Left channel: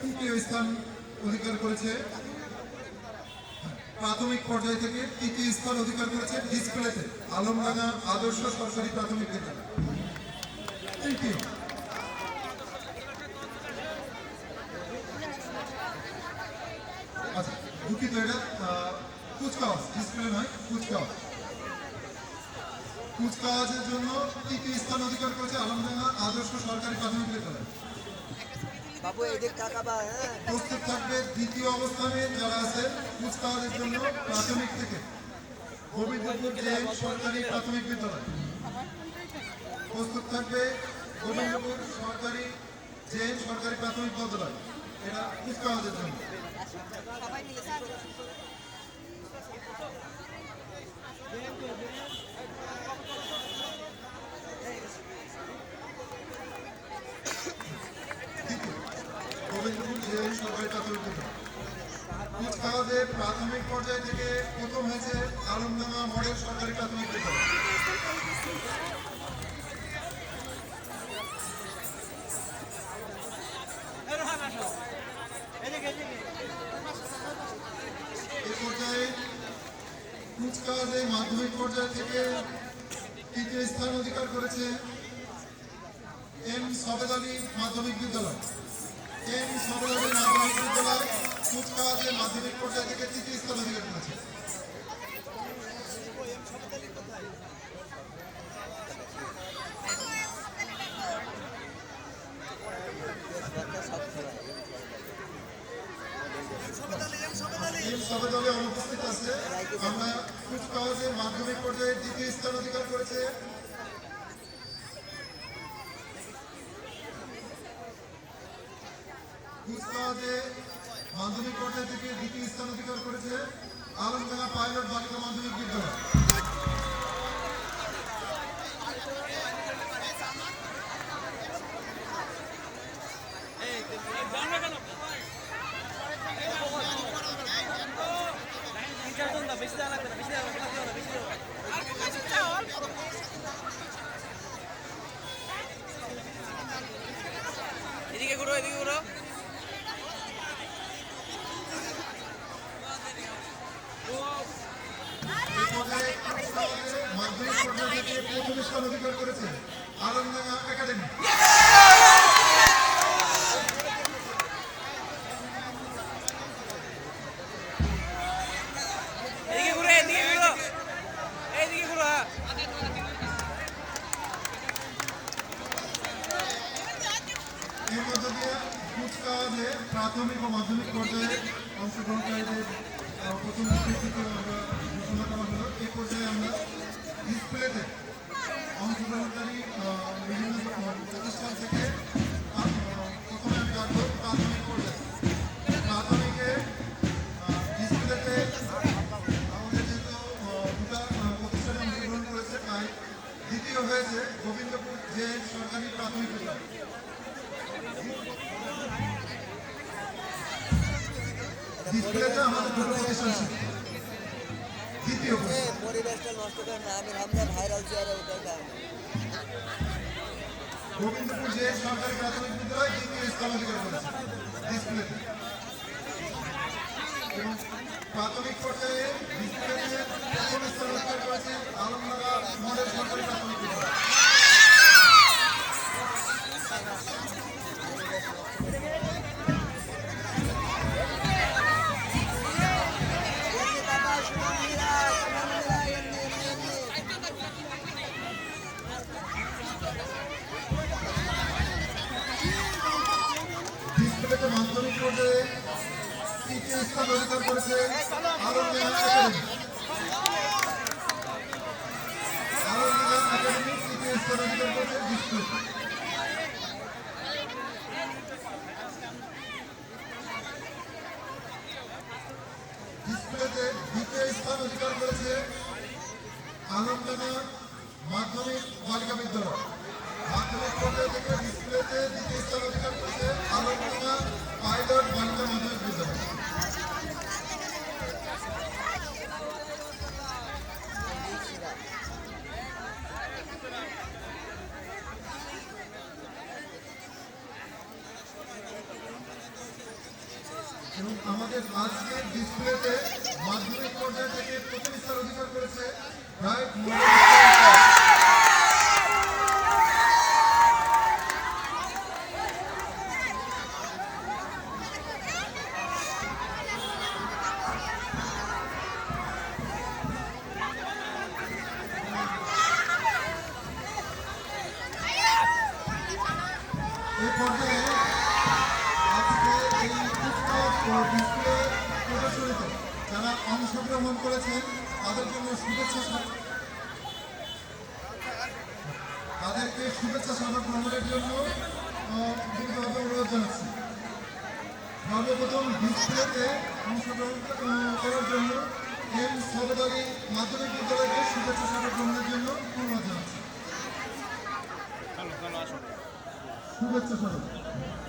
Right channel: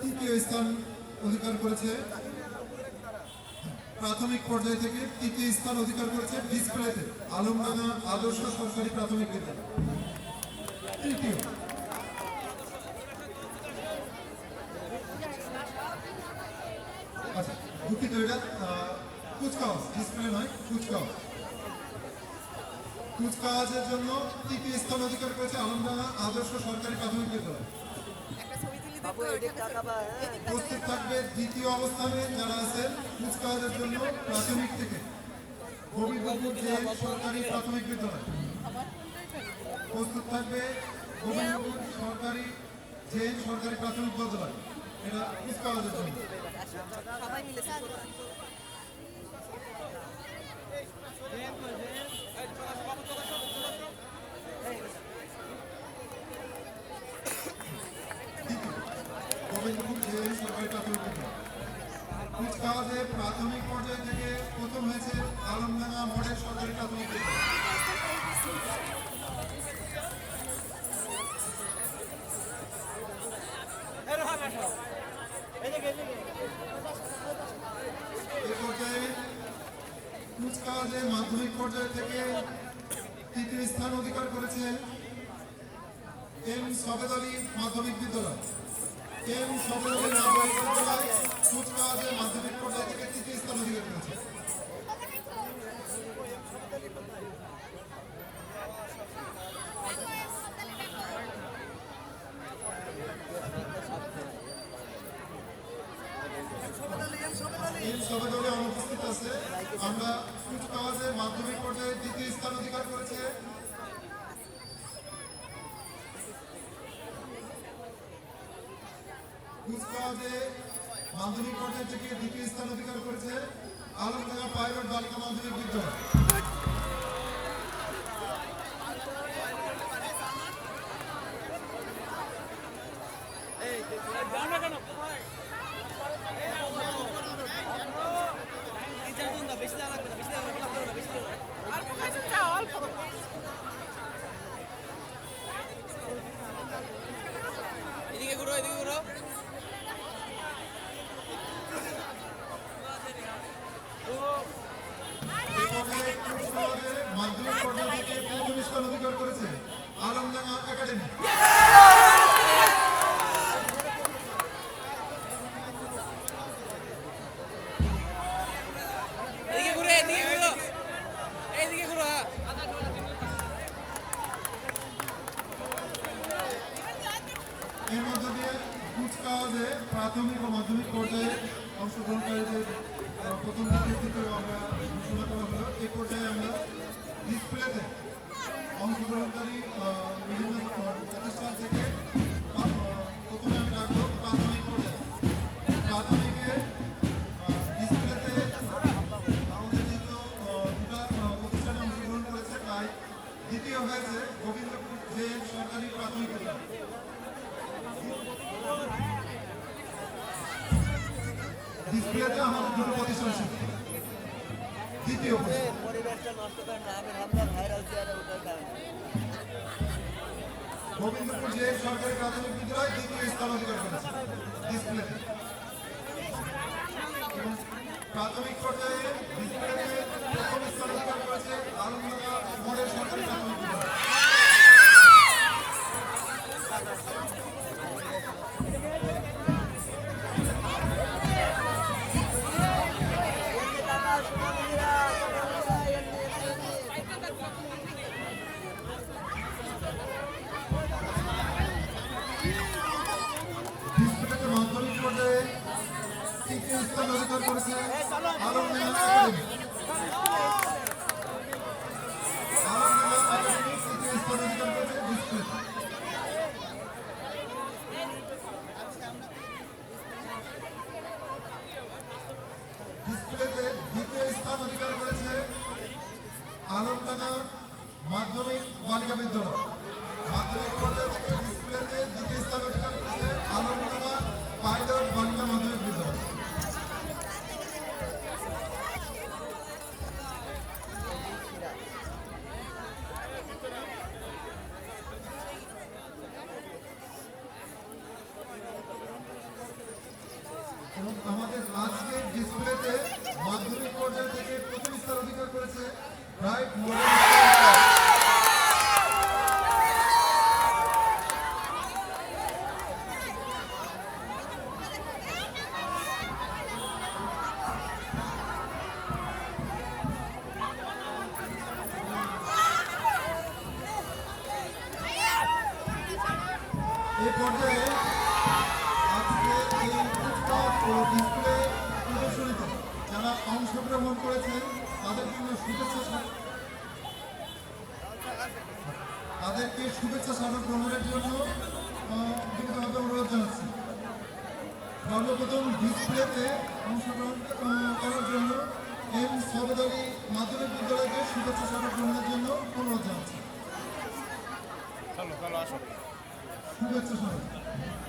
তৃতীয় স্থান অধিকার করেছে। প্রাথমিক পর্যায় থেকে তৃতীয় স্থান অধিকার করেছে ডিসপ্লেতে আলমডাঙ্গা আদর্শ সরকারি প্রাথমিক বিদ্যালয়। তৃতীয়। আচ্ছা, দুঃখিত, এটা কুচকাওয়াজ, ডিসপ্লে নয়, কুচকাওয়াজ। কুচকাওয়াজের জন্য তৃতীয় স্থান অধিকার করেছে আলমডাঙ্গা আদর্শ সরকারি প্রাথমিক বিদ্যালয়। প্রস্তুত থাকবে দ্বিতীয় অবস্থানে যারা আছেন কুচকাওয়াজের জন্য প্রাথমিক থেকে গোবিন্দপুর জেন সরকারি প্রাথমিক বিদ্যালয়। প্রস্তুত থাকবে গোবিন্দপুর সরকারি জেন সরকারি প্রাথমিক বিদ্যালয়, এটা কুচকাওয়াজের জন্য। গোবিন্দপুর জেন সরকারি প্রাথমিক বিদ্যালয়। কুচকাওয়াজে প্রাথমিক পর্যায় থেকে প্রথম হয়েছে আলমডাঙ্গা মডেল সরকারি প্রাথমিক বিদ্যালয়। এই পর্যায়ে কুচকাওয়াজে মাধ্যমিক পর্যায় থেকে তৃতীয় স্থান অধিকার করেছে এম সবেদ আলী মাধ্যমিক বিদ্যালয়। এম সবেদ আলী মাধ্যমিক বিদ্যালয় কুচকাওয়াজে মাধ্যমিক পর্যায় থেকে তৃতীয় স্থান অধিকার করেছে। এম সবেদ আলী অনুপস্থিত আছে। আমরা কুচকাওয়াজে মাধ্যমিক পর্যায়ে দ্বিতীয় স্থান অধিকার করেছে কুচকাওয়াজে মাধ্যমিক পর্যায় থেকে দ্বিতীয় স্থান অধিকার করেছে আলমডাঙ্গা পাইলট বালিকা মাধ্যমিক বিদ্যালয়। এদিকে ঘুরো, এদিকে ঘুরো। মাধ্যমিক পর্যায়ে থেকে প্রথম স্থান অধিকার করেছে আলমডাঙ্গা একাডেমি। এদিকে ঘুরো, এদিকে ঘুরো, এইদিকে ঘুরো। এর মধ্য দিয়ে কুচকাওয়াজে প্রাথমিক ও মাধ্যমিক পর্যায়ে অংশগ্রহণকারীদের প্রথম দ্বিতীয় আমরা ঘোষণা করা হলো। এই পর্যায়ে আমরা ডিসপ্লেতে অংশগ্রহণকারী বিভিন্ন প্রতিষ্ঠান থেকে প্রথমে আমি রাখবো প্রাথমিক পর্যায়ে। প্রাথমিকে ডিসপ্লেতে আমাদের যেহেতু দুটা প্রতিষ্ঠানে অংশগ্রহণ করেছে, তাই দ্বিতীয় হয়েছে গোবিন্দপুর জেন সরকারি প্রাথমিক বিদ্যালয়। ডিসপ্লেতে আমাদের দুটো প্রতিষ্ঠান ছিল। দ্বিতীয় গোবিন্দপুর জেন সরকারি প্রাথমিক বিদ্যালয় দ্বিতীয় স্থান অধিকার করেছে ডিসপ্লেতে। এবং প্রাথমিক পর্যায়ে ডিসপ্লেতে প্রথম স্থান অধিকার করেছে আলমডাঙ্গা মডেল সরকারি প্রাথমিক বিদ্যালয়। মাধ্যমিক পর্যায়ে তৃতীয় স্থান অধিকার করেছে আলমডাঙ্গা একাডেমি। আলমডাঙ্গা একাডেমি তৃতীয় স্থান অধিকার করেছে ডিসপ্লে। ডিসপ্লেতে দ্বিতীয় স্থান অধিকার করেছে আলমডাঙ্গা মাধ্যমিক বালিকা বিদ্যালয়। মাধ্যমিক পর্যায় থেকে ডিসপ্লেতে দ্বিতীয় স্থান অধিকার করেছে আলমডাঙ্গা পাইলট বালিকা মাধ্যমিক বিদ্যালয়। এবং আমাদের আজকের ডিসপ্লেতে মাধ্যমিক পর্যায় থেকে প্রথম স্থান অধিকার করেছে ব্রাইট মডেল স্কুল। এই পর্যায়ে আজকে এই পুস্তক ও ডিসপ্লে প্রদর্শনীতে যারা অংশগ্রহণ করেছেন তাদেরকে শুভেচ্ছা স্বাগত গ্রহণের জন্য বিনীতভাবে অনুরোধ জানাচ্ছি। সর্বপ্রথম ডিসপ্লেতে অংশগ্রহণ করার জন্য এম সবেদ আলী মাধ্যমিক বিদ্যালয়কে শুভেচ্ছা স্বাগত গ্রহণের জন্য অনুরোধ জানাচ্ছি। শুভেচ্ছা স্বাগত।